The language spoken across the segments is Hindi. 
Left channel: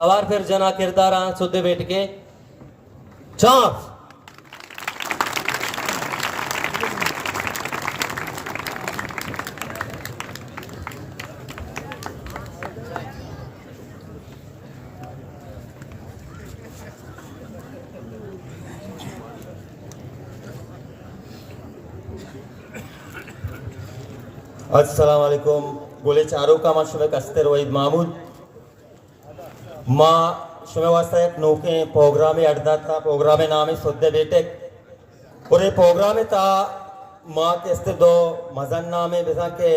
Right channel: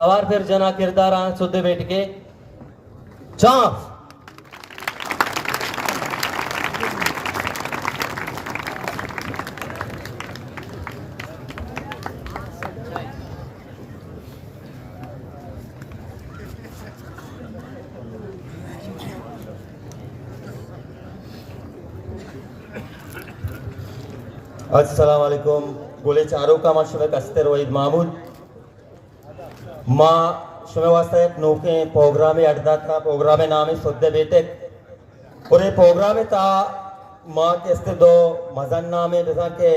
और फिर जना किरदार सुधे बैठ के चांस अस्सलाम वालेकुम गोले चारों का मां शुभ कस्तर वहीद महमूद मां शुभ वास्ता एक नौके प्रोग्राम अड्डा था प्रोग्राम नाम सुद्दे बेटे और ये प्रोग्राम था मां के अस्ते दो मजन नाम है जैसा के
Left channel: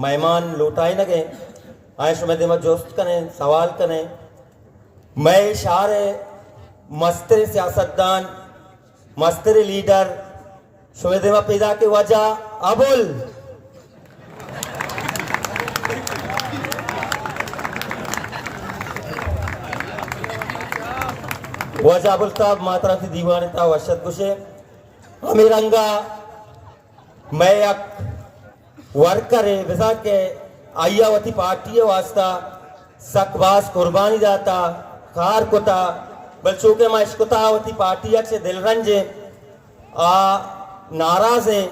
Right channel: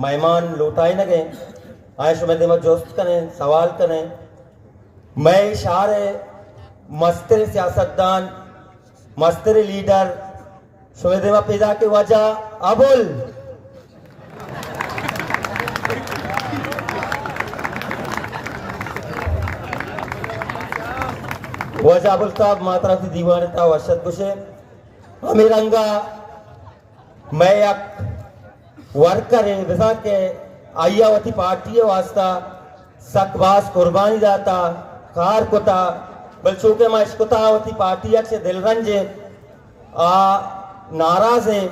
मेहमान लौटाई न गए आए शुभ दे जोस्त कने सवाल कने मैं इशारे मस्तर सियासतदान मस्तर लीडर शुभ दे पैदा के वजह अबुल वजह अबुल साहब मात्रा से दीवाने था वशद कुशे अमीरंगा मैं एक वर्कर है जैसा के आयावती पार्टी वास्ता सकवास कुर्बानी दाता कार कोता बल्कि के मैं इसको तावती पार्टी से दिलरंज आ नाराज हैं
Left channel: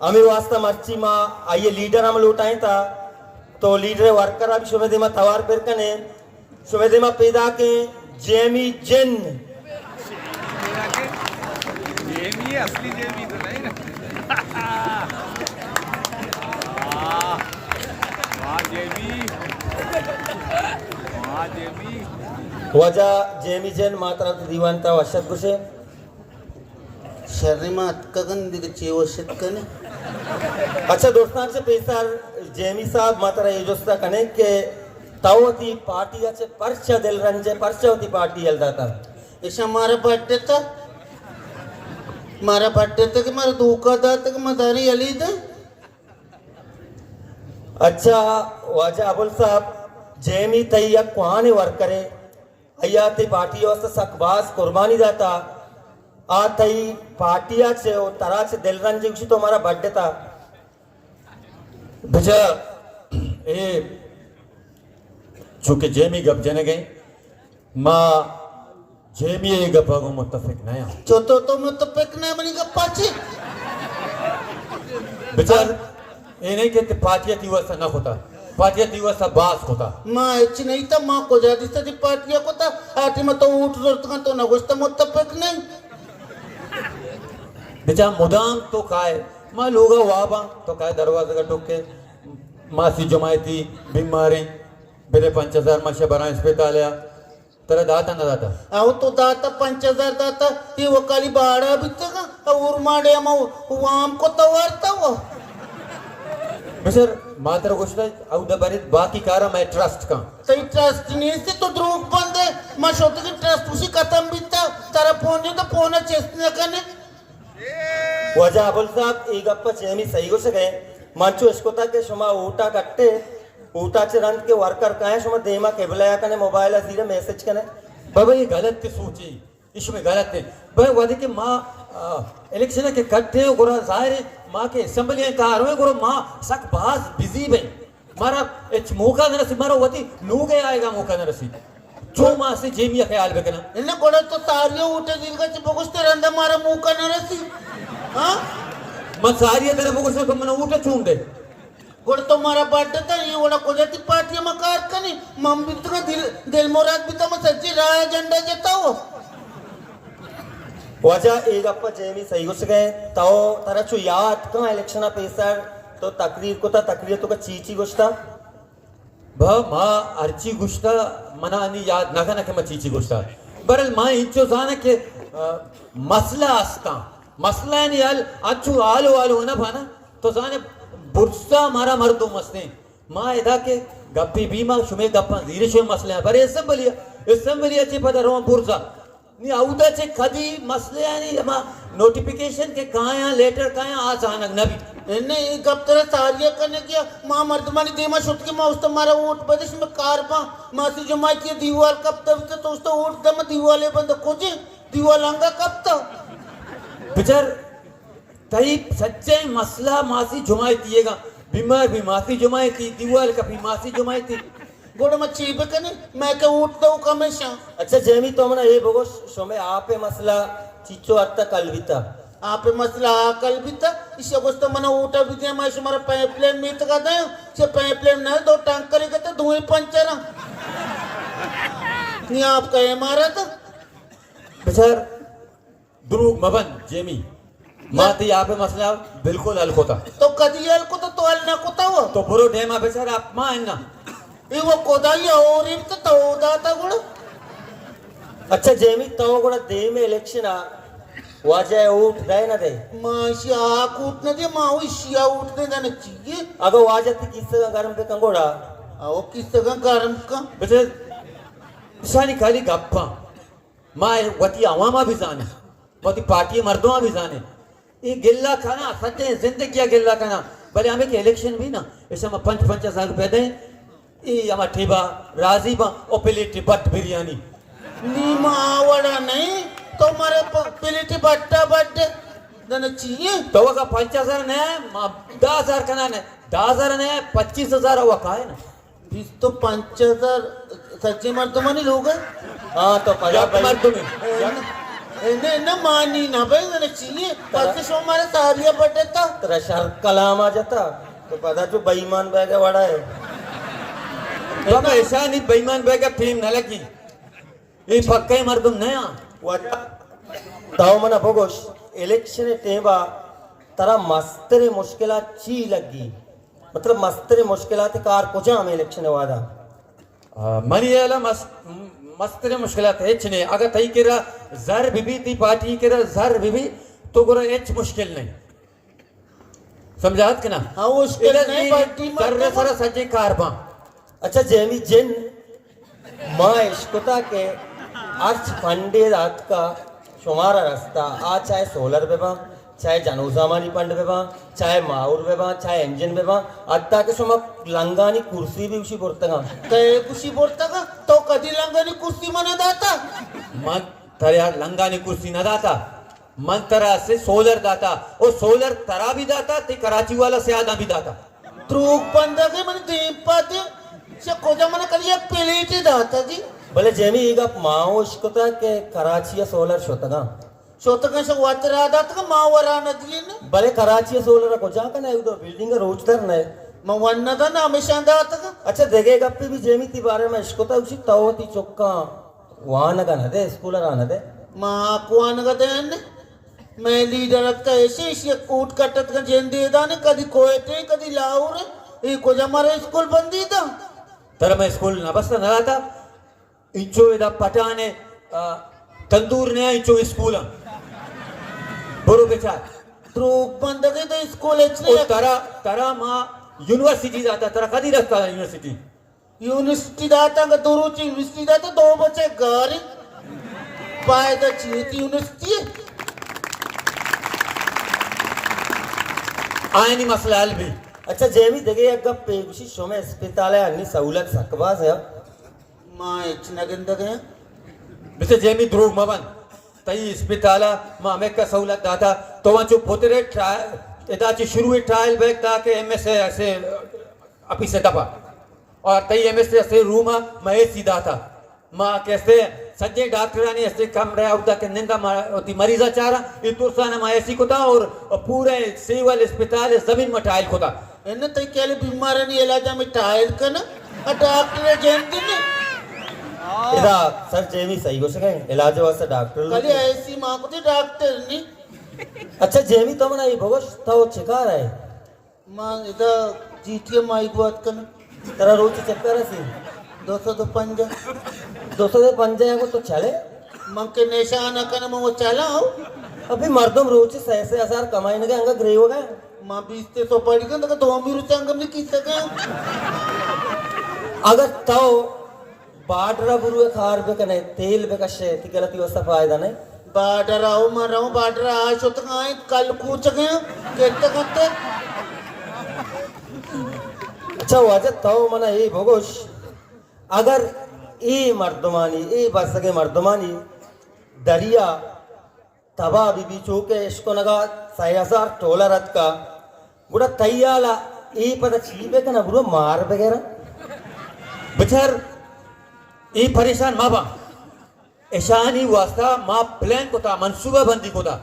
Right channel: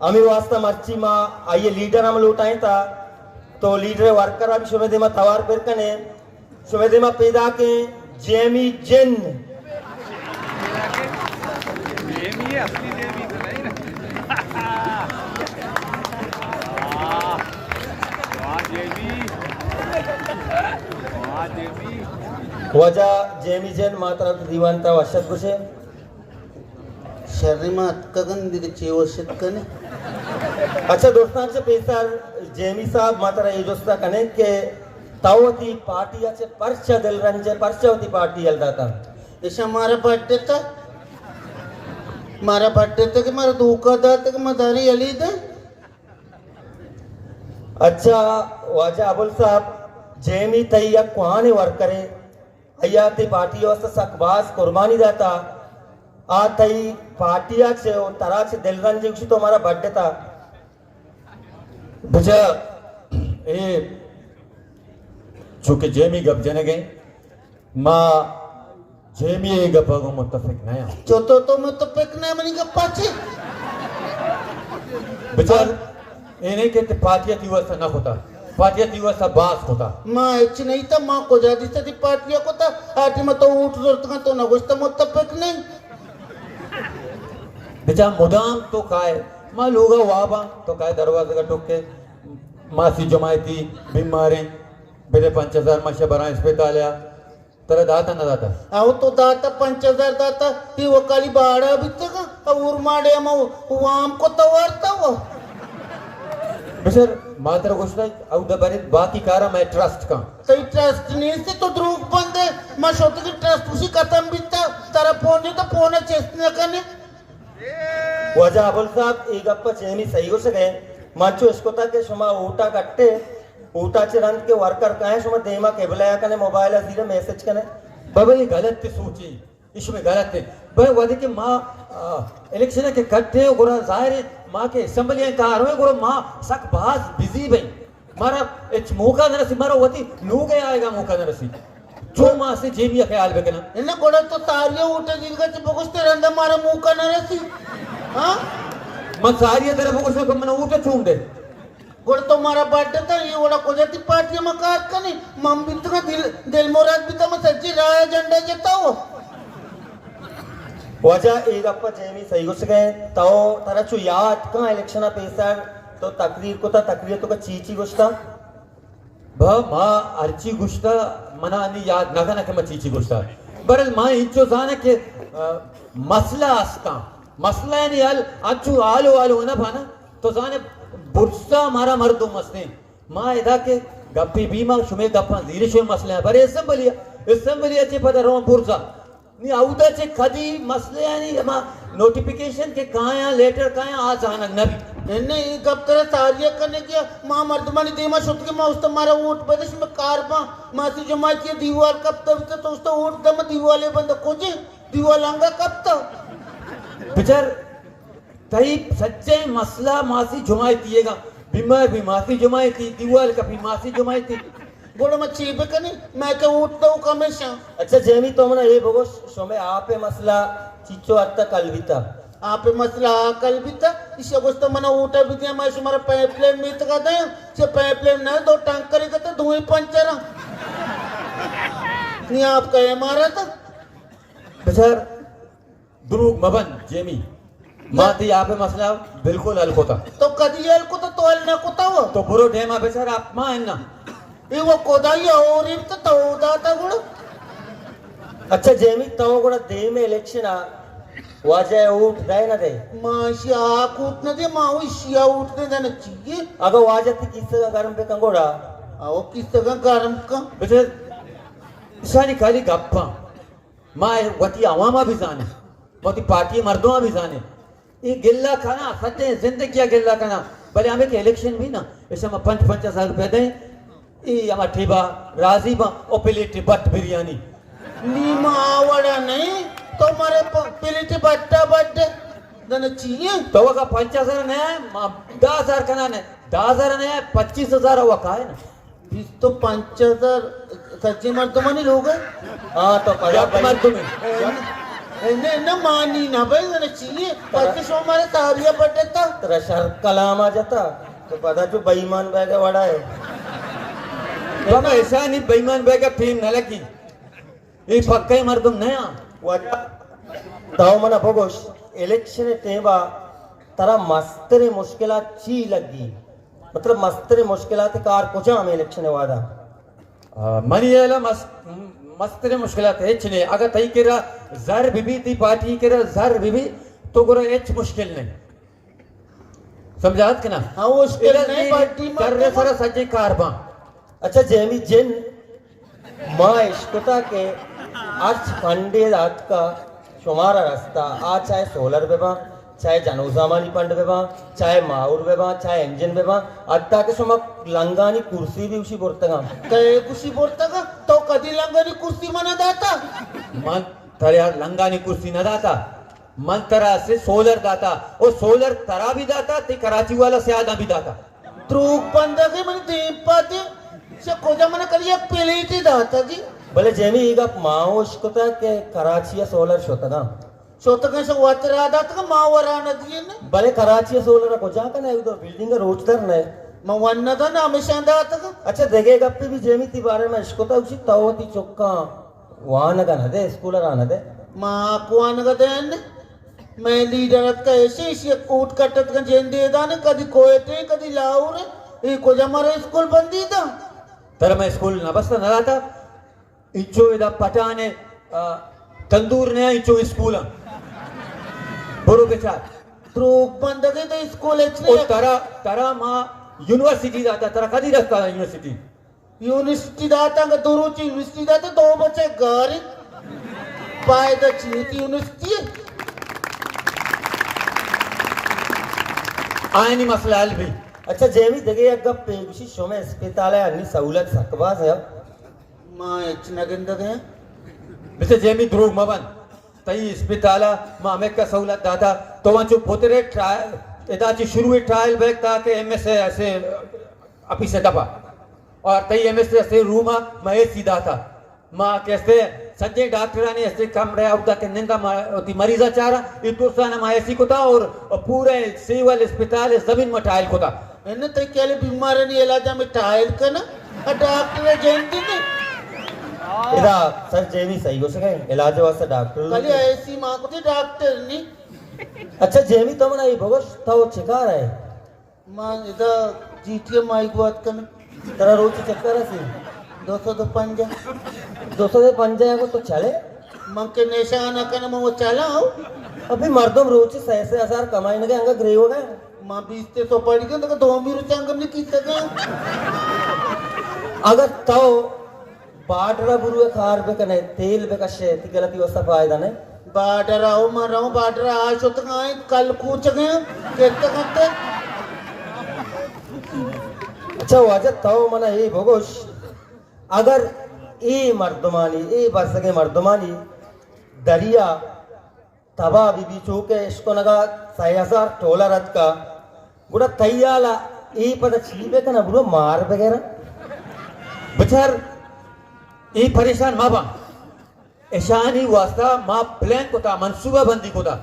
अमी वास्ता मर्ची माँ आइए लीडर हम लौटाए था तो लीडर वर्कर अभी शुभ दिमा तवार फिर कने शुभ दिमा पैदा के जेमी जिन जेमी असली जेमी तो नहीं ना जेमी वजह जेमी जिन मात्रा तो दीवान था वशद कुशे शर्मा कगन दिग चेवो शिकने अच्छा दोस्तान से पैसा जेमी साहब मात्रा ये जोस्ता कने के तावती पार्टी अच्छे परचा दिल रंजे परचा होती पार्टी हलदा था ऐसा मारा बर्थडे था कि मारा धोखा था कि मदारी अली दे अच्छा वाजा अबुल साहब जेमी तैया कुआने वर्कर है अयाती पार्टी वास्ते सकबास कुर्बानी दाता आ तई पार्टिया से वो तरह से दिल रंजे तो हमारा बर्थडे था बुझा ए चूंकि जेमी गप जने गए माँ जेमी ये गप को मुत्तफिक नया तो मुत्तफिक नहीं बनी गप्पा ची बेचार ये नहीं कहते पार्टिया दिवस न होता पार्टिया दिवस बास होता माँ इच्छी नहीं था माँ को जाती थी पार्टिया को था आटी में तो ऊँट जोड़ता तो न गुस्ता मुत्तफिक नहीं बेचार मुदाम तो खाए माँ लोग वाबा तो खाए दरवाजे का टोके मासी जमायती बीमारी मेरे 5,000 माशे बना अस्पताल या तेरा दाता न दाता आओ तो दाता 5,000 दाता ये वो काली बाड़ा बिकते का अब उर्माड़े हम वाम को तो वारता वो बेचार मात्र कुछ नहीं अब दबारे बाकी कारा मैं ट्रस्ट का सही ट्रस्ट नहीं से तो द्रोग बंद है मैं सोचता कि ट्रस्ट उसी खत्म बिकता तेरा फोन तो फोन चेस्टने करने वजह अबुल साहब एक गप्पा चेनी सही हो सके माचो इसको था कि शुमा ऊटा कट्टे ऊटा चे रंग के वर्कर का है शुमा देमा केबलाया कने मोबाइल सीधे मैसेज कने बाबा ये गलत थी सोची इसमें गलत है भाई वादे के माँ इलेक्शन के कट्टे गोरा जाहिर है माँ के असेंबली का आरोह गोरा माँ सक बाज बिजी बे मारा इच मौका न रसी मारा वती नू गया आएगा मौका न रसी जो माँ से जेबिया ख्याल बेकना इन्हें गोड़ा तो तारियां उठे जिनका चिपकुस्ते रहने मारा मौका न रसी हाँ मैं सारिया तेरे फोकस को मैंने उठे छूम दे गोड़ तो मारा बर्थडे था ये गोड़ा को जाती पार्टी में काट का नहीं मम भी तो दिल मोराद भी तो मैं सच्ची राय झंडा जेता हो वजह एक अप्पा जेमी सही हो सके तो तारा चु याद कहाँ इलेक्शन पैसा तो तकरीर को था तकरीर तो का चीची गुस्ता भा माँ अर्ची गुस्ता मना नहीं याद ना का मैं चीची गुस्ता बरल माँ इंचो जाने के मसला आस्ता मसला नहीं आल अच्छु आलो आलो ना भाना तो जाने बुर्सा मारा मर्दो मस्ते माँ इधर के गप्पी बीमा शुमे गप्पा धीरे शुमे मसले हैं पर असेंबली अच्छे पता रो बुर्सा नहीं आउदा चे कदी मसले नहीं माँ नोटिफिकेशन के कहाँ हैं लेटर कहाँ हैं आज आना नबी इन्हें कब तरह तारिया करने किया माँ मर्दमानी देमा शुद्ध की माँ उस तुम्हारा ऊँट बदश में कार मासी जमा की दीवार कब तक तो उस तो ऊँट दम दीवाले बंद खोजे दीवार लंगा कब तक बिचार तई सच्चे मसला मासी जुमाई तीएगा बीमार भी मासी जुमाई थी दीवार का भी मासी जुमाई थी गोड़ में चीब के नहीं मैं के उठता हूँ हमेशा अच्छा जेमी तो मना ये बगो शोमे आपे मसला चिचो अत्ता कलविता आप मसला कल भी था इस अगस्त मना उठा भी दिया मैं तुम्हारा पाइपलाइन में तक आता है से पाइपलाइन ना दो टैंकर के तो धुएं पंचर नहीं आप कहे मारा था बेचार दुरुग मबन जेमी माती आपे मसला बिल्कुल हल होता तो कदियल को तो अल ना को वो तो बुरो डेमा बेचार आप मां ना ये वो कोदाई और इन तो दाता गुड़ अच्छा जेमी तो गुड़ा दे में इलेक्शन आ वाजे उठ दे ना दे माशी आक उठने दे माँ शिया उठने देना चाहिए अगर वाजे ती किससे का गरम पे कंगोड़ा आओ किस तरह गरम का बेचार इसानी खाली गप्पा मां वती आवामा भी जाने वती पार्टी मर्दों भी जाने ये गिल्ला खाना सच्चे जिंदगी क्या गिल्ला खाना भले हमें के इलेक्शन भी ना ऐसे में 50,000 रुपए दे ये हमारा ठेबा राजी बा और प्लेट बट बिरयानी नीमा आवड़ा नहीं तो मारे प्लेट बट्टा बट्टे देना चाहिए तो वो का 50,000 ने 10,000 खाना ने 10,000 ने 25,000 हुआ का है ना बीस तो 5,000 सच्चे मर्दमानी लोग हैं हाँ तो कला मर्द में इन्हें न मानी ना भाई देना चाहिए बाकी सो हमारे सारिया बट्टे था तेरा शर कलाम आ जाता तो पता जो बेईमान बैग वाड़ा है तो मैं ऐसा नहीं बेईमान बैग फिल्म न लगी ये पक्का ही मर्दम नया वाटा ताऊ मना भगोश इलेक्शन टेबा तरा मस्तरे मुश्किलात ची लगी मतलब मस्तरे मुश्किलात कार कुछ हमें इलेक्शन वादा मनी याला मस्तरे मुश्किलात है चने अगर तई केरा जर बीबी ती पार्टी केरा जर बीबी तो गोरा एच मुश्किल नहीं समझात के ना हाँ उसके नहीं पार्टी में करने सारा सज्जे कारबा अच्छा जेमी जिन माँ इश्कुता के आज फंडे रात का शुमारा रास्ता आज चाहे सोलर बेबा चाहे जनोजामानी पंड बेबा चाहे माउर बेबा चाहे इंजन बेबा अत्ता के सुमक लंगानी कुर्सी भी उसी बोलता तो कुर्सी बोलता का तो कदी लंगानी कुर्सी मना दाता मन तरा लंगानी कुर्सी न दाता मन तरा से सोलर दाता और सोलर तरा भी दाता ते कराची वाला से आधा भी दाता त्रुक बंदा के मन दीप पाते से कोजा मन करिए प्लेट दाता जी भले जेमी ಈಗ ಮಾವೋಷ್ಕತ के कराची सोलर शोतना शोत कैसे वातरा दाता का मावरा नदी ने भले कराची सोलर को जा कने उधर बिल्डिंग रोजदार ने मवन्ना था ना हमेशा दाता का अच्छा देखेगा पे भी जेमी ती बारे में इश्कोता उसी तावती चोक्का वाहन का न दे स्कूल आना दे मां को आने का देन मैं लीडर का ऐसे इसे कूट कटत का जेन दे दाने कदी कोयटे कदी लाऊर ये को हमारा स्कूल बंदी था तर मैं स्कूल न बस न आता इचो इदा पटाने तंदूर ने इचो स्कूल बोरो के साथ त्रुक बंदा के तो स्कूल ओ अच्छे तरा तरा मां यूनिवर्सिटी जाता तरा कदी रखता यूनिवर्सिटी यूनिवर्सिटी दाता का दो रोज यूनिवर्सिटी दाता दो बच्चे घर पाए तो चीती यूनिवर्सिटी आनी मसला हल भी अच्छा जेमी देखे अगर पेशी शो में अस्पताल है अन्य सहूलत सकवास है मां इतना गंदा गया मिस्टर जेमी ध्रुव मवन तई अस्पताल मां हमें का सहूलत दाता तो वहाँ जो पोतरे ट्रायल इदाची शुरू हुई ट्रायल बैग था कि एमएस ऐसे अपी से दबा और तई एमएस ऐसे रूम मैं सीधा था मां कैसे सज्जे डॉक्टर ने ऐसे कम रहा उदा के निंदा होती मरीजा चारा इतुरसा ना ऐसी को था और पूरे सिविल अस्पताल जमीन में टाइल को था इन्हें तो क्या बीमारी नहीं इलाज में टाइल का ना डॉक्टर जानते नहीं इदा सर जेमी सही हो सके इलाज वास्ते डॉक्टर कल ऐसी मां को थी डॉक्टर नहीं अच्छा जेमी तो मना ये भगोश था वो चिका रहा है मां इधर जीटीए माइक बात करना तेरा रोज चक्कर है सी 205 है तो चले मां के निशान करने में वो चला हो अभी मर्दम रोज 6,000 कमाई ने अंगा ग्रे हो गए मां 20 से तो पड़ गए तो 2 भी रुपया अंगम नहीं की सके अगर तो बाडरा बुरुए खार पे कने तेल पे कशे ती गलती वस्ता फायदा नहीं बाडर आओ मराओ बाडर आज तो आए कल कूच गए कहते कहते अच्छा वाजत तो मना ये भगोश अगर ये मर्दमानी ये बस के मर्दमानी दरिया तबा बीबी चौके इसको नगा 6,000 डॉलर का बुरा तैयाला ये पता चीबे का ना बुरा मार वगैरह बिचार ये परेशान माँ बाप ऐशानी वास्ता माँ प्लान को था मनसूबा बंदी को था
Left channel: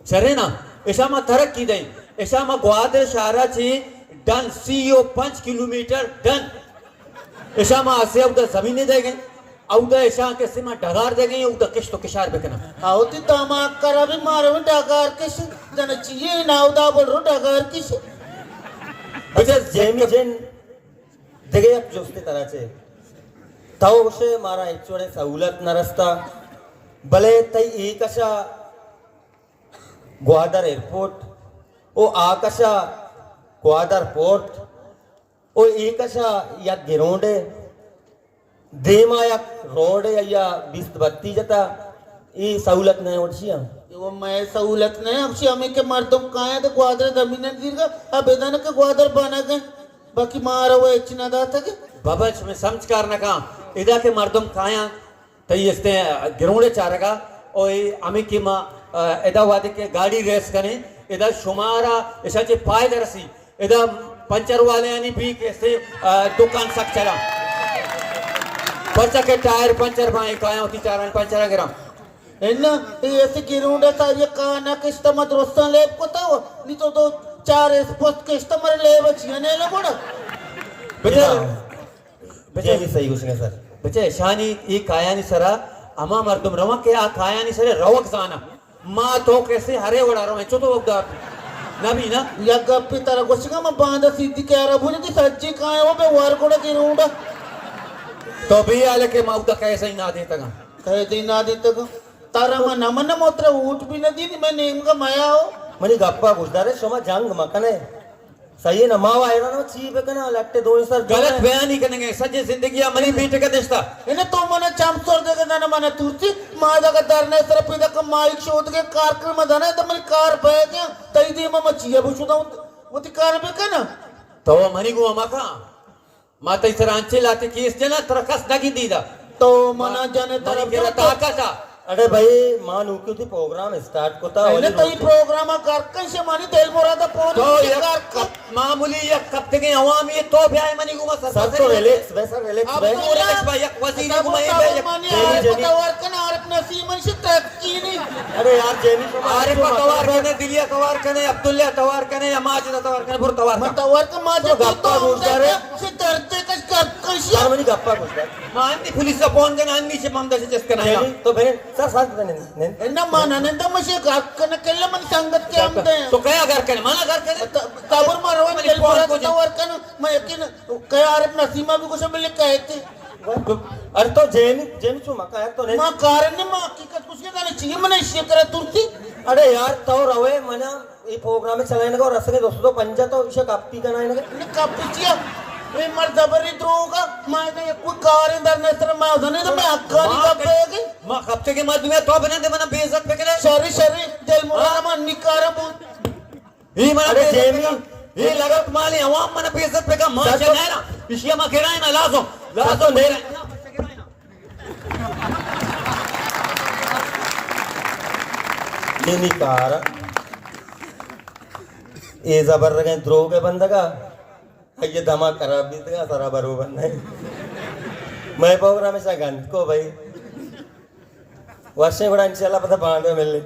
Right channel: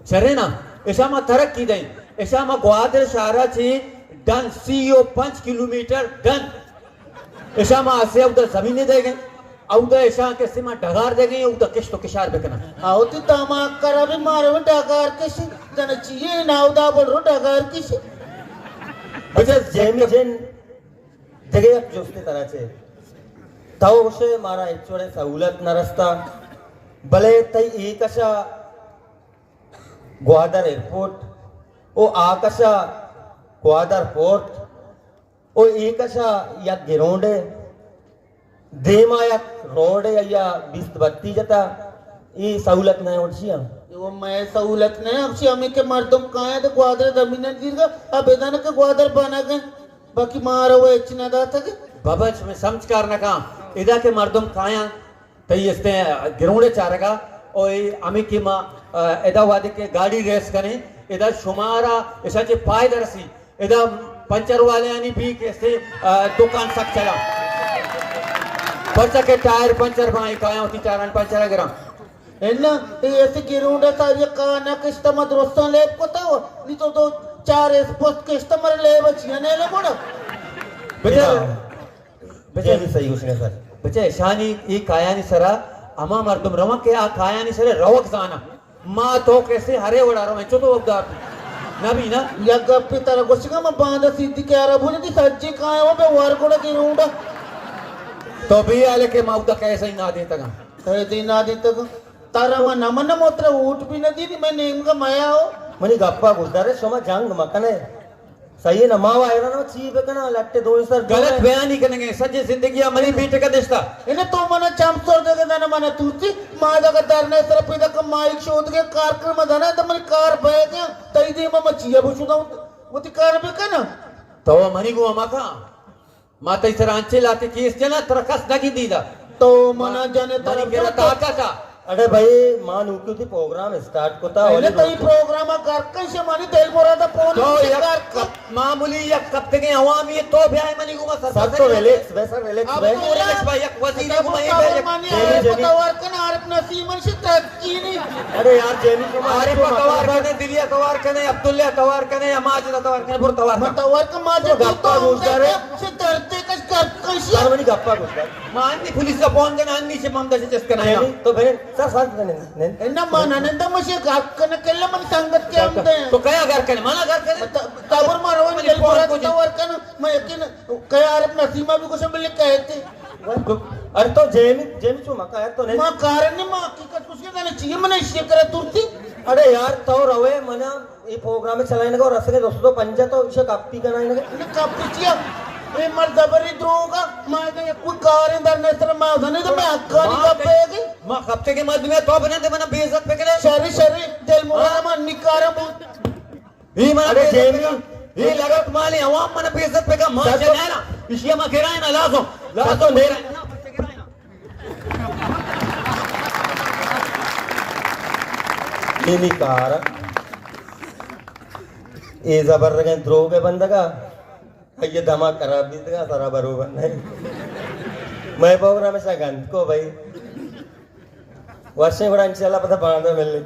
चरे ना ऐसा माँ तरक की दई ऐसा माँ ग्वादर शहरा चे डन सीओ 5 किलोमीटर डन ऐसा माँ आसे उधर जमीनें दे गए उधर ऐसा कैसे माँ डगार दे गए उधर किश तो किशार बेकना आवती तमाक करा भी मारो भी डगार किसी जन चाहिए ना उदा बोल रो डगार किसी बिचार जेमी जेन जगह एक जोस्ते तरह चे ताऊ उसे मारा एक्चुअली सहूलत न रस्ता भले तई एक अशा ग्वादर एयरपोर्ट ओ आकशा ग्वादर पोर्ट ओ एक अशा या गिरोंडे देमा या रोड या बिस्त बत्ती जता ये सहूलत नहीं होती है वो मैं सहूलत नहीं अब से हमें के मर्दम कहाँ है तो ग्वादर जमीन गिर गया अब इधर के ग्वादर बना गए बाकी मारो वो इतना दा था कि बाबा में समझ कर न कहा इधर के मर्दम काया तई इसते गिरोंडे चारगा और अमी की माँ इधर वादे के गाड़ी रेस करें इधर शुमारा ऐसा चे पाए दरसी इधर पंचर वाले यानी भी कैसे दुकान सक चला पर्चा के टायर पंचर भाई काया होती चारण पंचर गिरा है ना ये ऐसे गिरूंडे का ये काना किस्ता मत रोस्ता लेप को था नहीं तो 4 स्पोर्ट किस्ता मर ले बचिया ने ले बोलो बच्चे भी सही उसने सर बच्चे शानी ये काया नहीं सरा अमा मर्दम रवा के आ काया नहीं सरे रवक जाना माँ तो कैसे हरे उड़ा रहा है चोतो वक्दार ना भी ना या गप्पी तरह गोशिका मैं बांधा सीधी के आरा भूनी थी सच्ची कहाँ है वो पे वार कोड़ा गिरूंडा तो भी आले के माउदा कैसे ही ना देता ना कहे दी ना दी तक तारा मन मन मोत्र ऊट भी न दी मैं नेम का माया हो मनी गप्पा गुजदारे सोमा जंग मकने सही है ना माँ आएगा ना ची पे ना लगते दो सर गलत बयान ही करेंगे सच्ची जिंदगी मनी बीटे का देशता इन्हें तो मना चंपसोर देगा ना मना तूती माँ जगह दरने तरफ इधर का माइक शोध के कार्यक्रम मदाना तो मेरी कार बैग है तई दी मैं मचिया बुझूंगा वो ती कार पे का ना तो मनी को अमा का माता इस रांचे लाते केस जना तरकस लगी दीदा तो मना जाने मनी के ताका था अरे भाई मान उकी थी प्रोग्राम स्टार्ट को था पहले तो ये प्रोग्राम कर कैसे मानी तेल बोरा था फोन तो यार मामूली या कब तक आवाम ये तो भी आए मनी को सब तो रिलैक्स वैसा रिलैक्स भाई रिलैक्स भाई एक वजीर को मैं भाई पतावार का ना आरफ नसीमन से तरक्की नहीं अरे यार जेनी को अरे पतावार कने दिलिया तवार कने अब्दुल्ला तवार कने अमाज तवार कने बुर तवार पतावार का माज गप्पा बोलता रे से डरते कस कैसे यार मनी गप्पा बोलता माननी पुलिस का फोन करना अन्नी से ममदा से चस्का नहीं तो फिर सर साथ नहीं इन्ना माना नंदा मुझे घाट करने के लिए मन संगत के हम दे तो क्या घर करने माना घर करने तबर मारो तेल बोरा तवार का मैं यकीन कया आरफ नसीमा भी कुछ मिले कहते अरे तो जेनी जेनी चुमा का यार तो नहीं मां कारण ने मां हकीकत कुछ के कहने चाहिए मने इसे करे तुरती अरे यार तो रवे मना ये प्रोग्राम चलाने को रस के दोस्तों पंजा तो विषय कापी करना है कापी चिया ये मर दबरी द्रोगा मां का कोई कार अंदर ने तरह मां धने तो मैं हक्का नहीं कपेगी मां कपते के मध्य में तो बने थे मना बेइज्जत पे करे शरी शरी दिल मोरा मां निकारा बोल ये मना जेमी ये लगत माली आवाम मना बेइज्जत पे का मां चला ना इशिया मां कह रहा है ना लाजो दे रहा है ये निकार ये जबर रखे द्रोह के बंदगा ये दमा खराब नहीं था सारा बरोबर नहीं मैं प्रोग्राम में गंत को भाई वर्षे बड़ा इंशाल्लाह पता बांधो मिलने